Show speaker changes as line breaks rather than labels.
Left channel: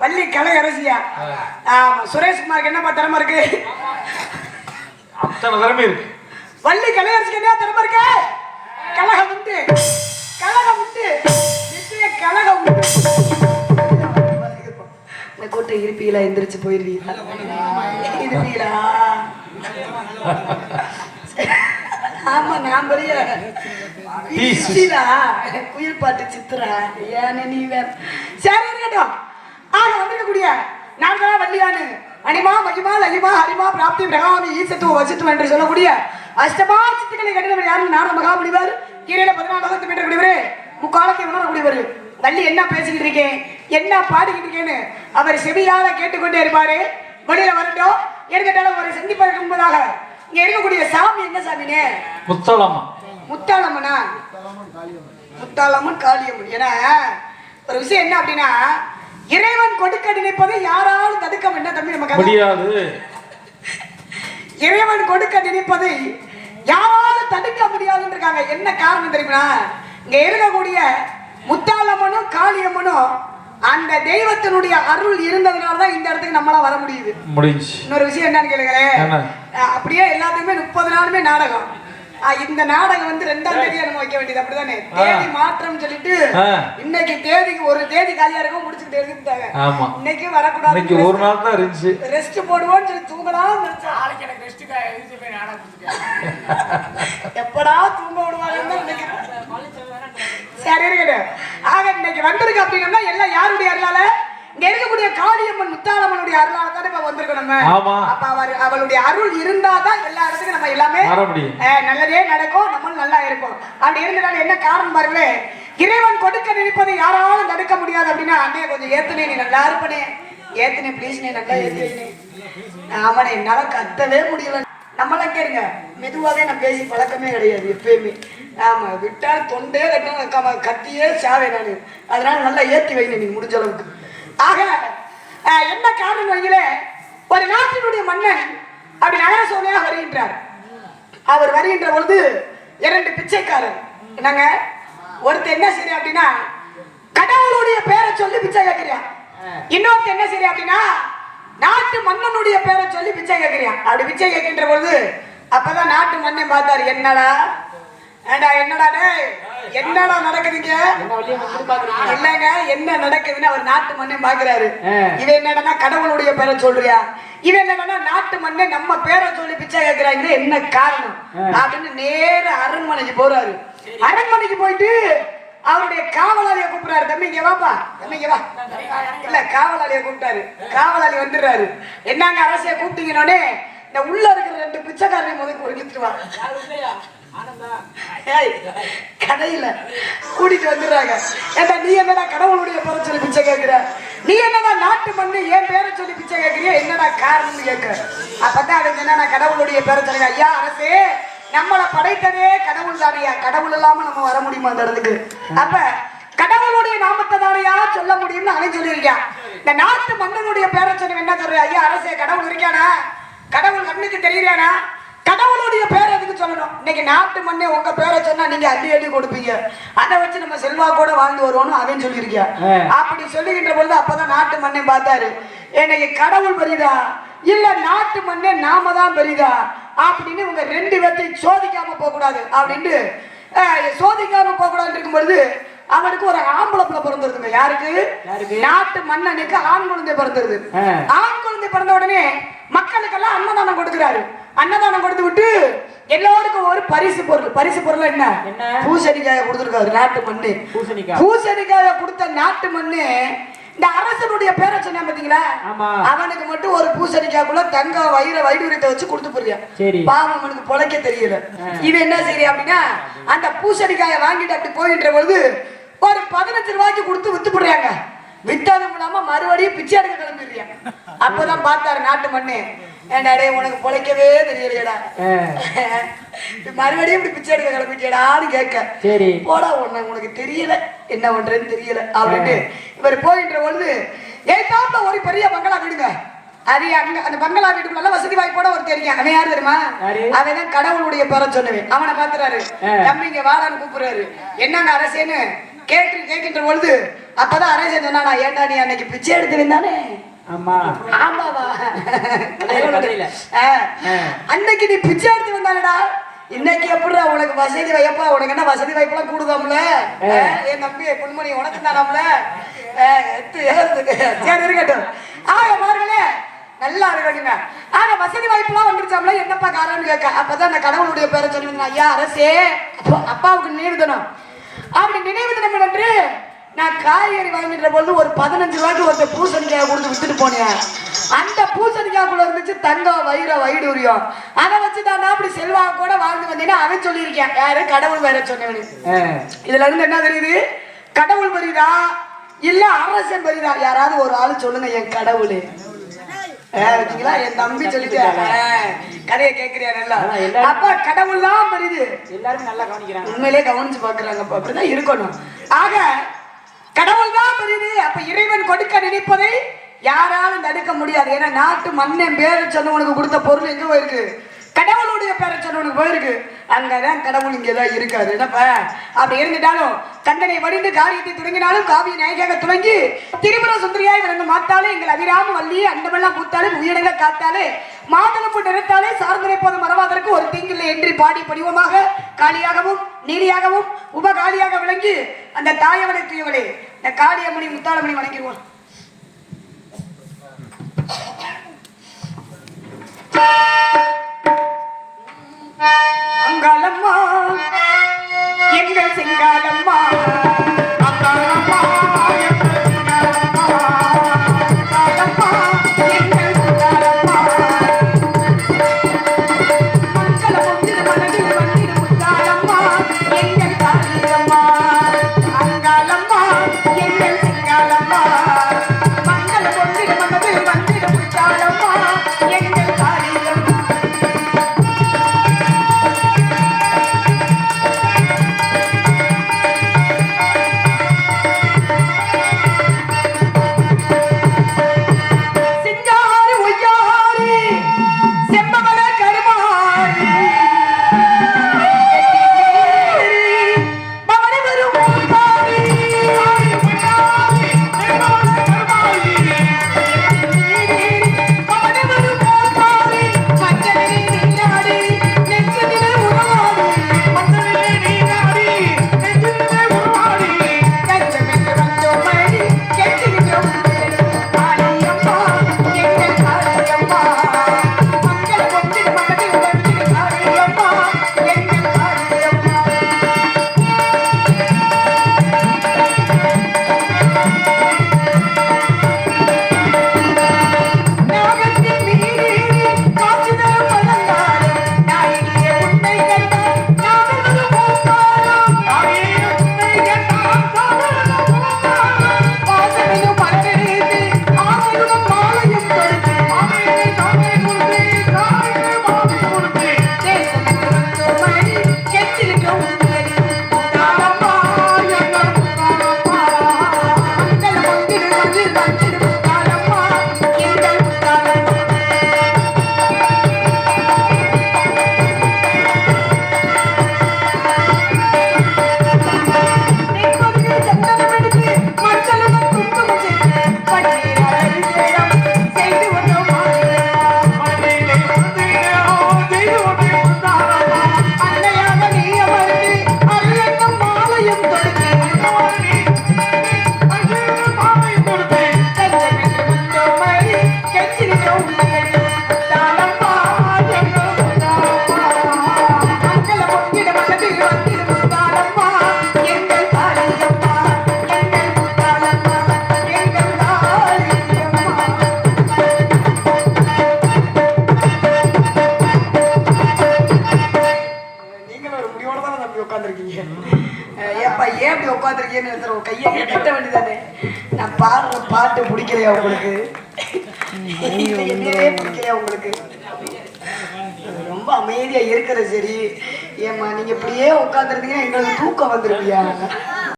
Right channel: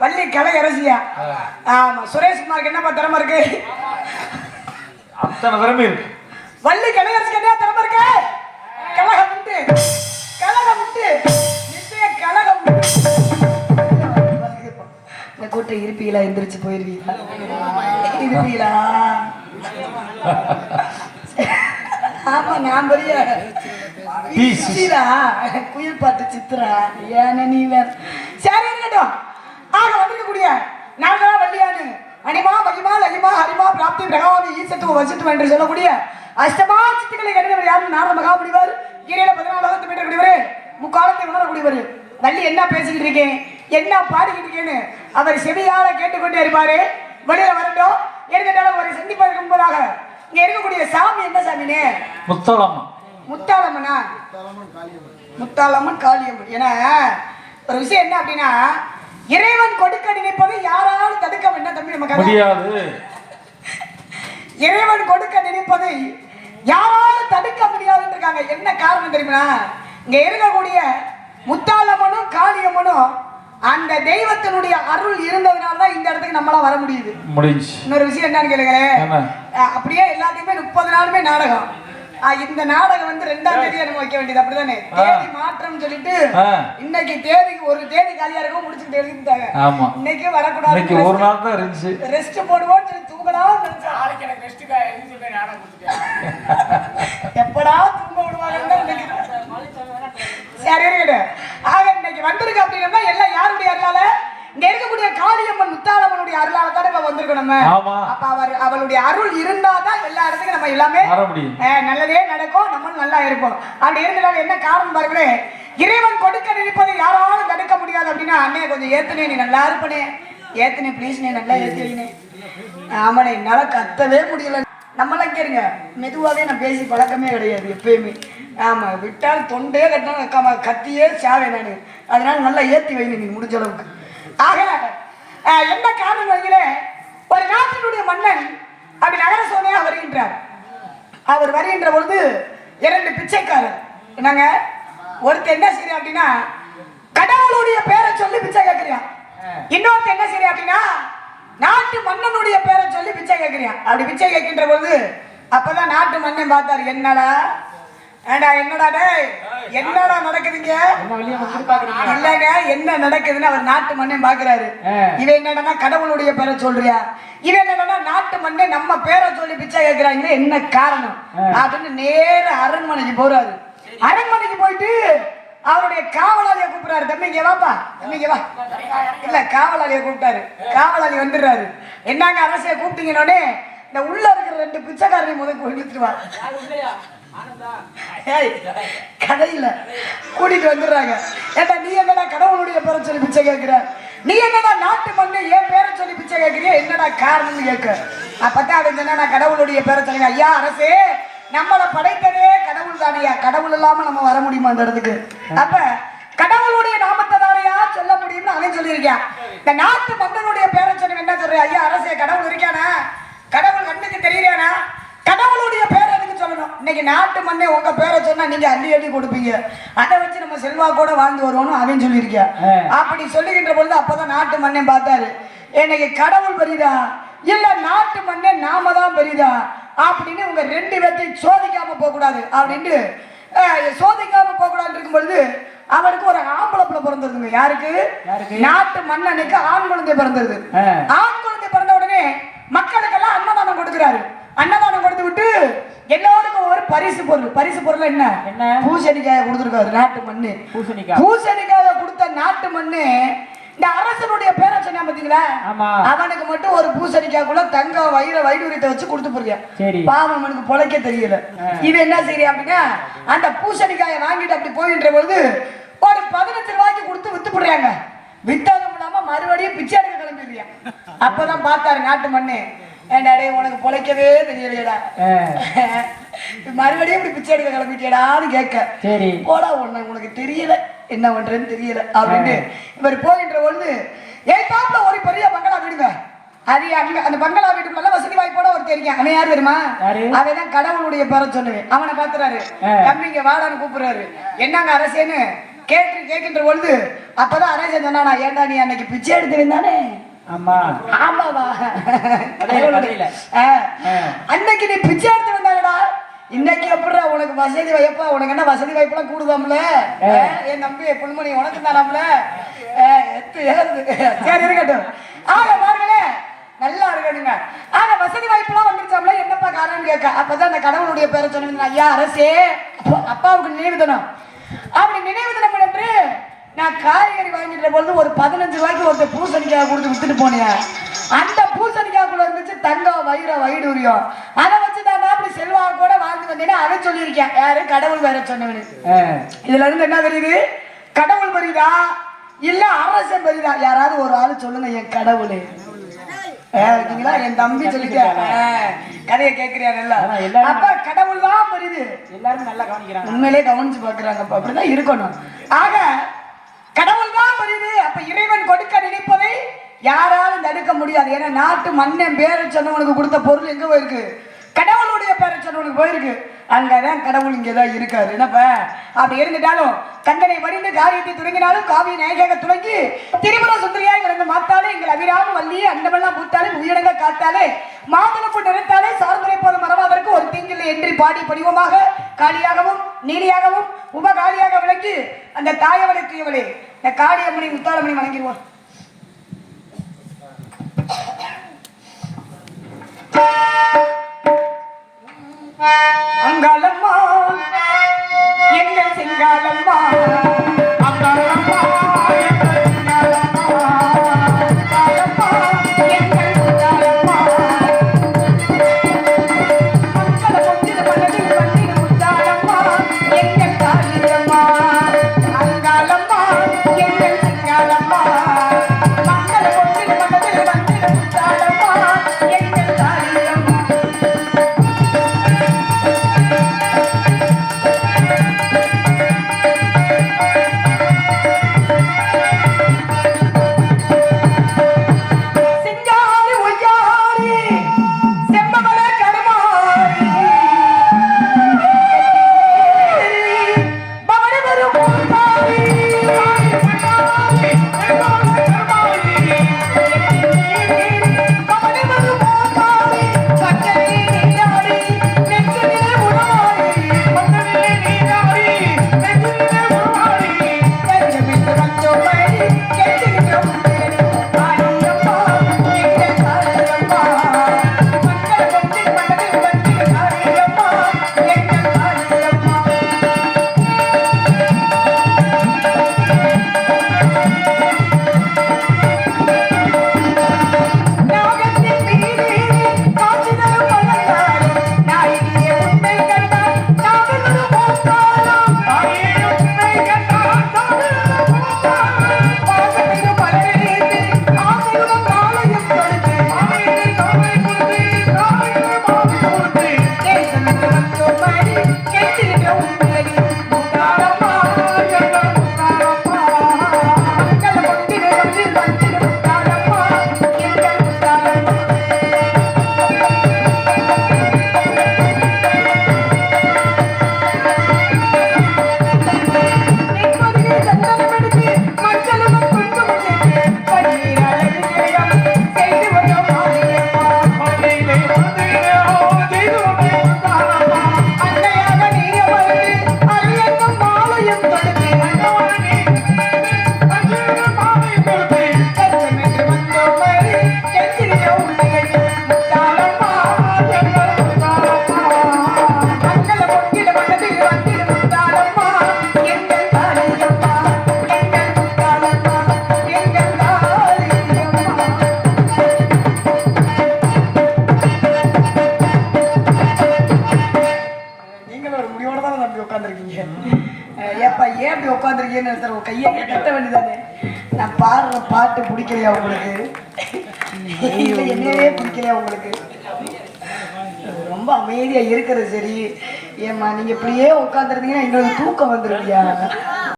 வள்ளி கலை அரசியா? ஆமா சுரேஷ்குமாருக்கு என்னப்பா திறமை இருக்கு?
அத்தனை திறமை இருக்கு.
வள்ளி கலை அரசிக்கு என்ன திறமை இருக்கு? கலகம் உண்டு. கலகம் உண்டு. நிச்சய கலகம் உண்டு. இந்த கூட்டம் இருப்பீங்களா எந்திரிச்சு போயிருவீங்களா? இருப்பீங்களா ஆமா நான் பெரிய குயில் பாட்டு சித்திரா. ஏன்னு நீ வேற? சரி ஆக வந்திருக்கக்கூடிய நாங்களா வள்ளியானு. அனிமா மகிமா லகிமா ஹரிமா பிராப்தி பிரகாமி ஈசத்துவ வசித்துவம் என்று சொல்லக்கூடிய அஷ்டமா சித்துக்களை கடிதவர் யாரும் நார மகாமுனிவர். கீரையில பதினாலாவது மீட்டர் கூடியவர் முக்காலத்தை உணரக்கூடியவர். வள்ளி என்ன பேசிக்கிட்டு இருக்கேன்? என்ன பாடிக்கிட்டு இருக்கேன்னு அவர் செவியால கேட்டுக்கொண்டே இருப்பாரு. வெளியில வரட்டும். எடுத்துட்டாலும் ஒரு சந்திப்பதற்கு முன்பதாக இங்க இருக்கக்கூடிய சாமி என்ன சாமினே?
முத்தளமா
முத்தாளம்மனா? முத்தாளம்மன் காளியம்மன். ஏன்னா ஒரு விஷயம் என்ன அப்படின்னா இறைவன் கொடுக்க நினைப்பதை யாராலும் தடுக்க என்ன தம்பி நமக்கு
முடியாது.
இறைவன் கொடுக்க நினைப்பதை யாராலும் தடுக்க முடியாதுன்னு இருக்காங்க என்ன காரணம் தெரியுமா? இங்க இருக்கக்கூடிய முத்தாளம்மனும் காளியம்மனும் அந்த தெய்வத்தினுடைய அருள் இருந்ததுனால தான் இந்த இடத்துக்கு நம்மளால வர முடியுது. இன்னொரு விஷயம் என்னன்னு கேளுங்களேன். அப்படியே எல்லாத்துக்குமே முப்பது நாளுமே நாடகம். இந்த நாடகம் வந்து ரெண்டாம் தேதி நம்ம வைக்க வேண்டியது அப்படிதானே? தேதி மாற்றம் சொல்லிட்டு. இன்னைக்கு தேதிக்கு ஒரு தேதி காலியா இருக்கும் முடிச்சுட்டு எழுதிட்டாங்க.
ஆமா.
இன்னைக்கு
இன்னைக்கு
வரக்கூடாது
ஒரு நாள் தான் இருந்துச்சு.
ரெஸ்ட் போடுவோம்னு சொல்லி தூங்கலாம்
நாளைக்கு எனக்கு ரெஸ்ட் எழுதி போய் நாடகம் கொடுத்துட்டேன்
எப்படா தூங்க விடுவாங்கன்னு நினைக்கிறேன். சரி. ஆக இன்னைக்கு வந்திருக்கு அப்படின்னா எல்லாம் யாருடைய அருளால? இங்க இருக்கக்கூடிய காளியம்மன் முத்தாளம்மனுடைய அருளால தானே இப்ப வந்திருக்கோம் நம்ம
ஆமா.
அப்ப அவர் அவளுடைய அருள் இருந்தா தான் எல்லா இடத்துக்கும் நம்ம எல்லாமே நல்லதே நடக்கும் நம்மளும் நல்லா இருப்போம். அப்படி இருந்தனால என்ன காரணம் பாருங்களே இறைவன் கொடுக்க நினைப்பதை யாராலும் தடுக்க முடியாது அப்படின்னா அன்னைய கொஞ்சம் ஏத்துனே நீ நல்லா இருப்பனே. ஏத்துனே ப்ளீஸ் நீ நல்லா ஏத்துனே ஆமாண்ணே என்னால கத்தவே முடியல. நம்மளாம் கேளுங்க மெதுவாகவே நான் பேசி பழக்கமே கிடையாது எப்பயுமே. ஆமா விட்டால் தொண்டே கட்டினா கத்தியே சாவே நான். அதனால நல்லா ஏத்தி வைங்க நீங்க முடிஞ்ச அளவுக்கு. ஆக என்ன காரணம் வைங்களே ஒரு நாட்டினுடைய மன்னன் அப்படி நகர சோனையாக வருகின்றார். அவர் வருகின்ற பொழுது இரண்டு பிச்சைக்காரர். என்னங்க? ஒருத்தர் என்ன சரி அப்படின்னா கடவுளுடைய பேரை சொல்லி பிச்சை கேட்கிறான் இன்னொருத்தர் என்ன சரி அப்படின்னா நாட்டு மன்னனுடைய பேரை சொல்லி பிச்சை கேட்கிறான் அப்படி பிச்சை கேட்கின்ற பொழுது அப்பதான் நாட்டு மன்னன் பார்த்தாரு என்னடா? ஏண்டா என்னடா டேய்? என்னடா நடக்குதுங்க? இல்லங்க என்ன நடக்குதுன்னு அவர் நாட்டு மன்னன் பாக்குறாரு. இவன் என்னடா கடவுளுடைய பேரை சொல்றியா? இவன் என்னடா நாட்டு மன்னன் நம்ம பேரை சொல்லி பிச்சை கேட்கிறாங்க என்ன காரணம்? அப்படின்னு நேர அரண்மனைக்கு போறாரு. அரண்மனைக்கு போயிட்டு அவருடைய காவலாளிய கூப்பிடுறாரு. தம்பி இங்க வாப்பா. தம்பி இங்க வா. இல்ல காவலாளிய கூப்பிட்டாரு. காவலாளி வந்துடுறாரு. என்னங்க அரசிய கூப்பிட்டீங்கன்னே இந்த உள்ள இருக்கிற ரெண்டு பிச்சைக்காரனை முதல் ஏய், கதையில கூட்டிட்டு வந்துடுறாங்க. ஏன்னா நீ என்னடா கடவுளுடைய பேரை சொல்லி பிச்சை கேட்கிற நீ என்னடா நாட்டு மண்ணு என் பேரை சொல்லி பிச்சை கேட்கிறிய என்னடா காரணம்னு கேட்கிற அப்பதான் அவன் என்னடா கடவுளுடைய பேரை சொல்லுங்க ஐயா அரசே நம்மளை படைத்ததே கடவுள் தானையா? கடவுள் இல்லாம நம்ம வர முடியுமா அந்த இடத்துக்கு? அப்ப கடவுளுடைய நாமத்தை தானையா சொல்ல முடியும்னு அவன் சொல்லியிருக்கான். இந்த நாட்டு மன்னனுடைய பேரை சொல்லுங்க என்ன சொல்ற? ஐயா அரசே கடவுள் இருக்கானா? கடவுள் கண்ணுக்கு தெரியறானா? கடவுளுடைய பேர் இன்னைக்கு நாட்டு மண்ணே உங்க பேரை சொன்னா நீங்க அள்ளி அள்ளி கொடுப்பீங்க. அதை வச்சு நம்ம செல்வா கூட வாழ்ந்து வருவோம்னு அவன் சொல்லியிருக்கான் அப்படி சொல்லுகின்ற பொழுது அப்பதான் நாட்டு மண்ணே பார்த்தாரு. இன்னைக்கு கடவுள் பெரியதா இல்ல நாட்டு மண்ணே நாம தான் பெரியதா அப்படின்னு உங்க ரெண்டு பேர்த்தையும் சோதிக்காம போக கூடாது அப்படின்ட்டு சோதிக்காம போக கூடாதுன்னு இருக்கும் பொழுது அவருக்கு ஒரு ஆம்பளை பிள்ளை பிறந்திருக்குங்க யாருக்கு? நாட்டு மன்னனுக்கு ஆண் குழந்தை பிறந்தது ஆண் குழந்தை பிறந்த உடனே மக்களுக்கெல்லாம் அன்னதானம் கொடுக்கிறாரு. அன்னதானம் கொடுத்து விட்டு எல்லாருக்கும் ஒரு பரிசு பொருள். பரிசு பொருள் என்ன?
என்ன?
பூசணிக்காய கொடுத்துருக்காரு நாட்டு மண்ணு.
பூசணிக்காய்.
பூசணிக்காய கொடுத்த நாட்டு மண்ணு இந்த அரசனுடைய பேரை சொன்னா பாத்தீங்களா. அவனுக்கு மட்டும் ஒரு பூசணிக்காய்க்குள்ள தங்க வயிற வைடூரியத்தை வச்சு கொடுத்து போறியா. பாவம் அவனுக்கு பொழைக்க தெரியல. இது என்ன சரி அப்படின்னா அந்த பூசணிக்காயை வாங்கிட்டு அப்படி போகின்ற பொழுது ஒரு பதினஞ்சு ரூபாய்க்கு கொடுத்து வித்து போடுறாங்க வித்தாலும் இல்லாம மறுபடியும் பிச்சை எடுக்க கிளம்பிடுறியா? அப்பதான் பார்த்தாரு நாட்டு மண்ணு. ஏண்டா டேய் உனக்கு பொழைக்கவே தெரியலையடா. மறுபடியும் இப்படி பிச்சை எடுக்க கிளம்பிட்டியடான்னு கேட்க.
சரி.
போடா உன்னை உனக்கு தெரியல. என்ன பண்றேன்னு தெரியல அப்படின்ட்டு இவர் போகின்ற பொழுது ஏத்தாப்புல ஒரு பெரிய பங்களா வீடுங்க. அது அங்க அந்த பங்களா வீட்டுக்கு நல்ல வசதி வாய்ப்போட ஒரு தெரியும் அவன் யார் தெரியுமா? அவன் தான் கடவுளுடைய பேரை சொன்னவன். அவனை பாத்துறாரு தம்பி இங்க வாடான்னு கூப்பிடுறாரு. என்னங்க அரசேன்னு கேட்டு கேட்கின்ற பொழுது அப்பதான் அரேசன் சொன்னா ஏன்டா நீ அன்னைக்கு பிச்சை எடுத்து வந்தானே
ஆமா.
ஆமாவா. அன்னைக்கு நீ பிச்சை எடுத்து வந்தானடா இன்னைக்கு எப்படிடா உனக்கு வசதி வைப்பா உனக்கு என்ன வசதி வாய்ப்பெல்லாம் கூடுதாம்ல? என் தம்பி பொன்மணி உனக்கு தானாம்ல. சரி இருக்கட்டும். ஆக பாருங்களேன் நல்லா இருக்கணுங்க. ஆனா வசதி வாய்ப்புலாம் வந்துருச்சாம்ல? என்னப்பா காரணம்னு கேட்க. அப்பதான் அந்த கடவுளுடைய பேரை சொன்னீங்க ஐயா அரசே. அப்பா- அப்பாவுக்கு நினைவு தினம் அப்படி நினைவு நான் காய்கறி வாங்கிட்ட பொழுது ஒரு பதினஞ்சு ரூபாய்க்கு ஒருத்தர் பூசணிக்காய் கொடுத்து வித்துட்டு போனேன். அந்த பூசணிக்காய்க்குள்ள இருந்துச்சு தங்கம் வைர வைடூரியம். அதை வச்சு தான் அப்படி செல்வாங்க கூட வாழ்ந்து வந்தீங்கன்னா அவன் சொல்லியிருக்கேன். யாரு? கடவுள் வேற சொன்னவனு இதுல இருந்து என்ன தெரியுது? கடவுள் பெரியுதா? இல்ல அரசன் பெரியுதா? யாராவது ஒரு ஆளு சொல்லுங்க என் கடவுள். பாத்தீங்களா என் தம்பி சொல்லிட்டாங்க கதையை
எல்லாரும்
அப்பா கடவுள் தான் பெரியுது.
எல்லாரும் நல்லா கவனிக்கிறாங்க.
உண்மையிலே கவனிச்சு பாக்குறாங்க அப்படிதான் இருக்கணும். ஆக கடவுள் தான் பெரியது அப்ப இறைவன் கொடுக்க நினைப்பதை யாராலும் தடுக்க முடியாது. ஏன்னா நாட்டு மண்ணன் பேரை சொன்னவனுக்கு கொடுத்த பொருள் எங்க போயிருக்கு? கடவுளுடைய பேரை சொன்னவனுக்கு போயிருக்கு. அங்கதான் கடவுள் இங்கதான் இருக்காரு. என்னப்பா? அப்படி இருந்துட்டாலும் தந்தனை வடிந்து காரியத்தை தொடங்கினாலும் காவிய நாயகாக தொடங்கி திருமண சுந்தரியாய் விளங்க மாத்தாலே எங்கள் அபிராம வள்ளி அண்டமெல்லாம் பூத்தாலே உயிரங்க காத்தாலே மாமனுக்கு நிறுத்தாலே சார்ந்தரை போதும் மறவாதற்கு ஒரு தீங்கில்லை என்று பாடி படிவமாக காளியாகவும் நீலியாகவும் காளியாக விளங்கி அந்த தாயவனை தூயவளே இந்த காளியம்மனை முத்தாளமணி வணங்கிடுவோம். அங்காளம்மா முடிவோட தான் நம்பி உட்காந்துருக்கீங்க ஏப்பா ஏன் இப்படி உட்காந்துருக்கீங்கன்னு சார் உங்க கையை கட்ட வேண்டியதானே? நான் பாடுற பாட்டு பிடிக்கலையா உங்களுக்கு? இல்ல, என்னையவே பிடிக்கலையா உங்களுக்கு? ரொம்ப அமைதியா இருக்கிறது சரி ஏம்மா நீங்க இப்படியே உட்காந்துருந்தீங்கன்னா எங்களுக்கு தூக்கம் வந்துருவியா